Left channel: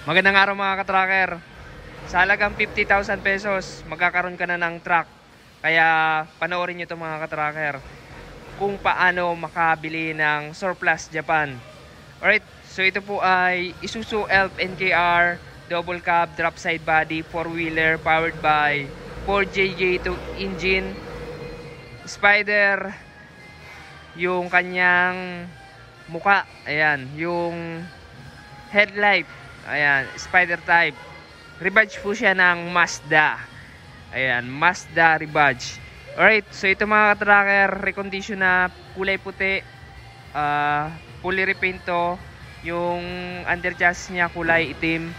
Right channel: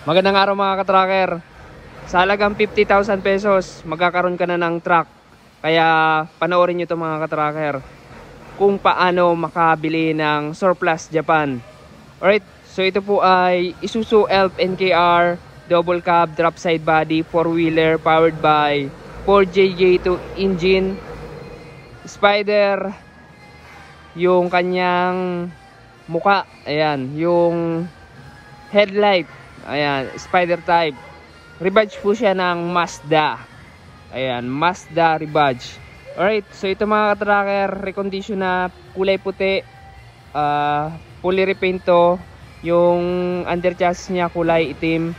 Magandang araw mga ka-tracker. Sa halagang 50,000 pesos, magkakaroon ka na ng truck. Kaya panoorin nyo ito mga ka-tracker kung paano makabili ng surplus Japan. Alright, so ito po ay Isuzu Elf NKR double cab drop side body 4-wheeler powered by 4JJ2 engine. Spider yung kanyang muka. Ayan, yung headlight. Ayan, Spider type. Rebadge po siya ng Mazda. Ayan, Mazda rebadge. Alright, so ito mga ka-tracker, recondition na, kulay puti, fully repaint to. Yung under chassis niya kulay itim.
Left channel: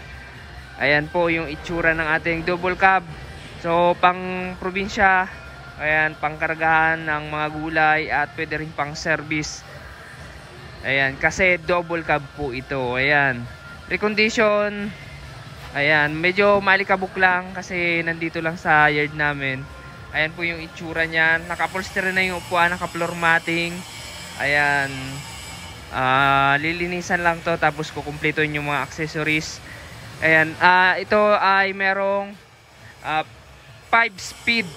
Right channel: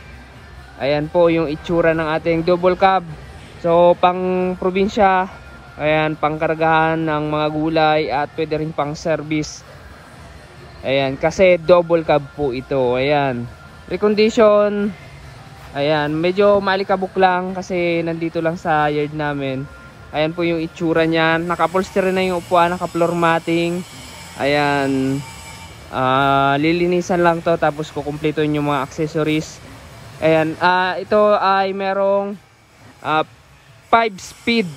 Ayan po yung itsura ng ating double cab. So pang probinsya, ayan, pangkargahan ng mga gulay at pwede rin pang service. Ayan, kasi double cab po ito. Ayan, recondition. Ayan, medyo malikabok lang kasi nandito lang sa yard namin. Ayan po yung itsura niyan. Naka-upholstery na yung upuan, naka-floor matting. Ayan, lilinisan lang to tapos kukumpletuhin yung mga accessories. Ayan, ito ay merong 5-speed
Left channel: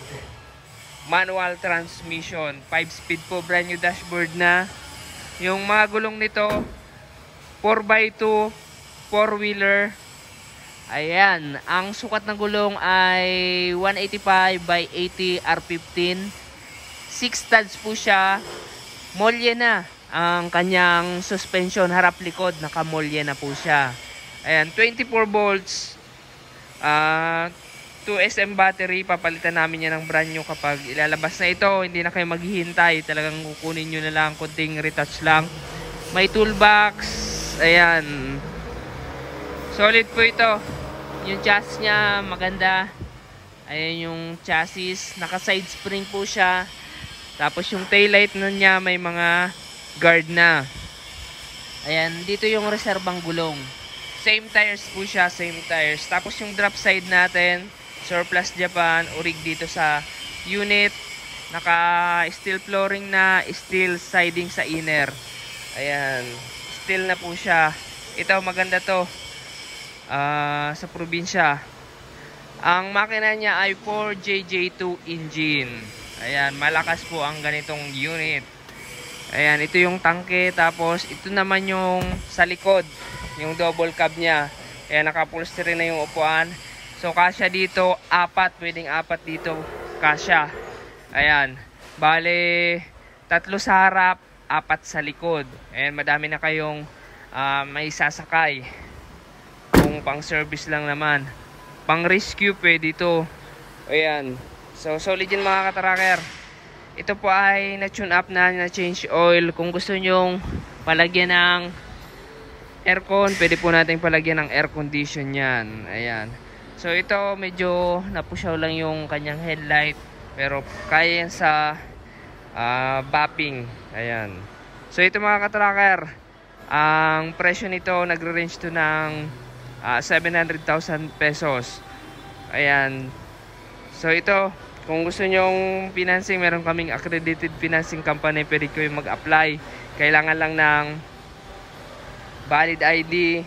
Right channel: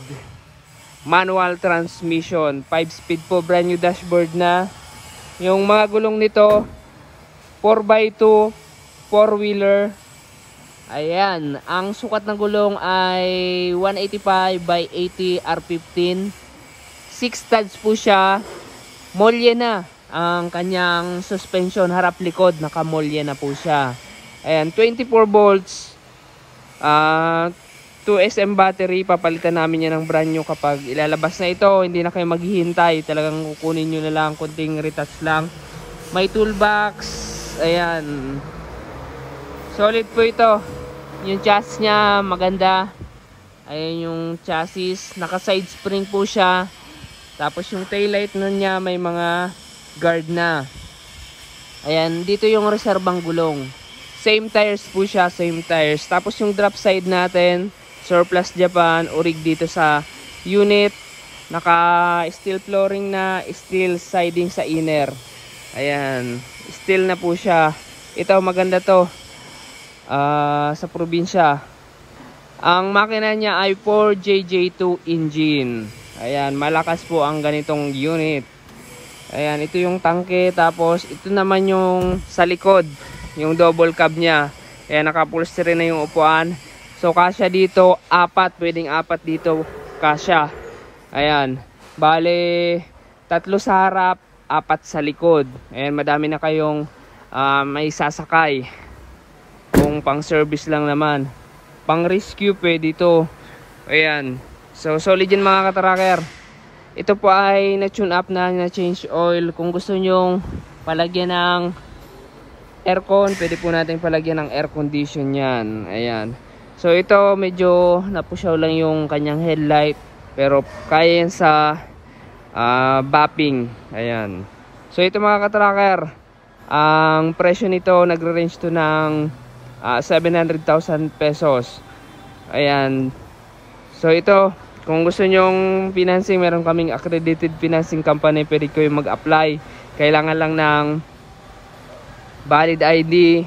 manual transmission. 5-speed po, brand new dashboard na. Yung mga gulong nito 4x2 4-wheeler. Ayan, ang sukat ng gulong ay 185 by 80 R15. 6 studs po siya. Molye na ang kanyang suspension, harap likod nakamolye na po siya. Ayan, 24 volts, 2SM battery. Papalitan namin yan ng brand new kapag ilalabas na ito. Hindi na kayo maghihintay, talagang kukunin nyo na lang, konting retouch lang. May toolbox. Ayan, solid po ito. Yung chassis nya maganda. Ayan yung chassis, naka side spring po siya. Tapos yung taillight nun niya may mga guard na. Ayan, dito yung reserbang gulong. Same tires po siya, same tires. Tapos yung drop side natin, surplus Japan, orig dito sa unit. Naka steel flooring na, steel siding sa inner. Ayan, steel na po siya. Ito maganda to. Sa probinsya. Ang makina niya ay 4JJ2 engine. Ayan, malakas po ang ganitong unit. Ayan, ito yung tangke. Tapos ito naman yung sa likod, yung double cab niya. Ayan, naka-upholstery na yung upuan. So kasya dito, 4, pwedeng 4 dito kasya. Ayan, bale 3 sa harap, 4 sa likod. Ayan, madami na kayong may sasakay. Kung pang service lang naman, pang rescue pwede ito. Ayan, so solid yan mga ka-tracker. Ito po ay na-tune up na change oil. Kung gusto nyong palagyan ng aircon, pwede po natin palagyan ng air condition yan. Ayan, so ito medyo napusyaw lang yung kanyang headlight, pero kaya yan sa bapping. Ayan, so ito mga ka-tracker, ang presyo nito nagre-range to ng 700,000 pesos. Ayan, so ito, kung gusto nyong financing, meron kaming accredited financing company, pwede kayo mag-apply. Kailangan lang ng valid ID,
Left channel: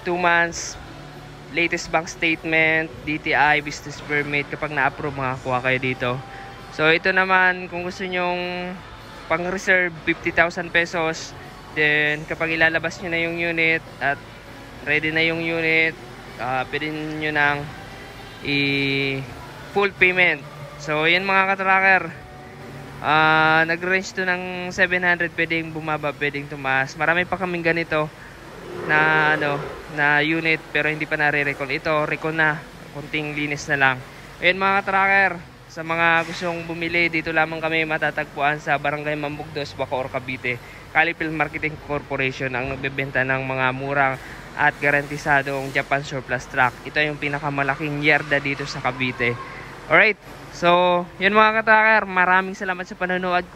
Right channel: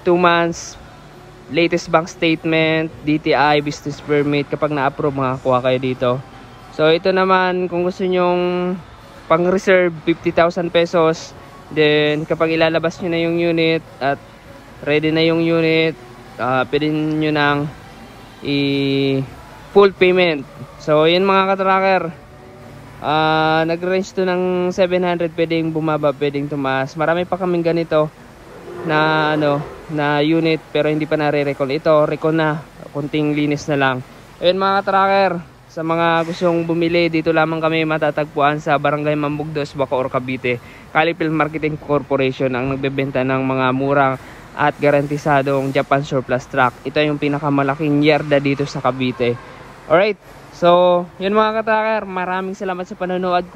2 months, latest bank statement, DTI, business permit. Kapag na-approve, makakuha kayo dito. So ito naman, kung gusto nyong pang-reserve, 50,000 pesos. Then kapag ilalabas nyo na yung unit at ready na yung unit, pwede nyo nang full payment. So yun mga ka-tracker, nag-range to ng 700, pwedeng bumaba, pwedeng tumaas. Marami pa kaming ganito na na unit pero hindi pa nare-recall. Ito recall na, kunting linis na lang. Ayun mga ka-tracker, sa mga gustong bumili, dito lamang kami matatagpuan sa Barangay Mambugdos, Bacoor, Cavite. Calipil Marketing Corporation ang nagbebenta ng mga murang at garantisadong Japan surplus truck. Ito yung pinakamalaking yarda dito sa Cavite. Alright, so yun mga ka-tracker, maraming salamat sa panonood.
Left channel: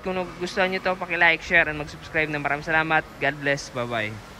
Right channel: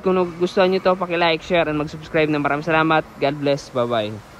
Kung gusto nyo to, paki-like, share, and mag-subscribe na. Maraming salamat. God bless. Bye-bye.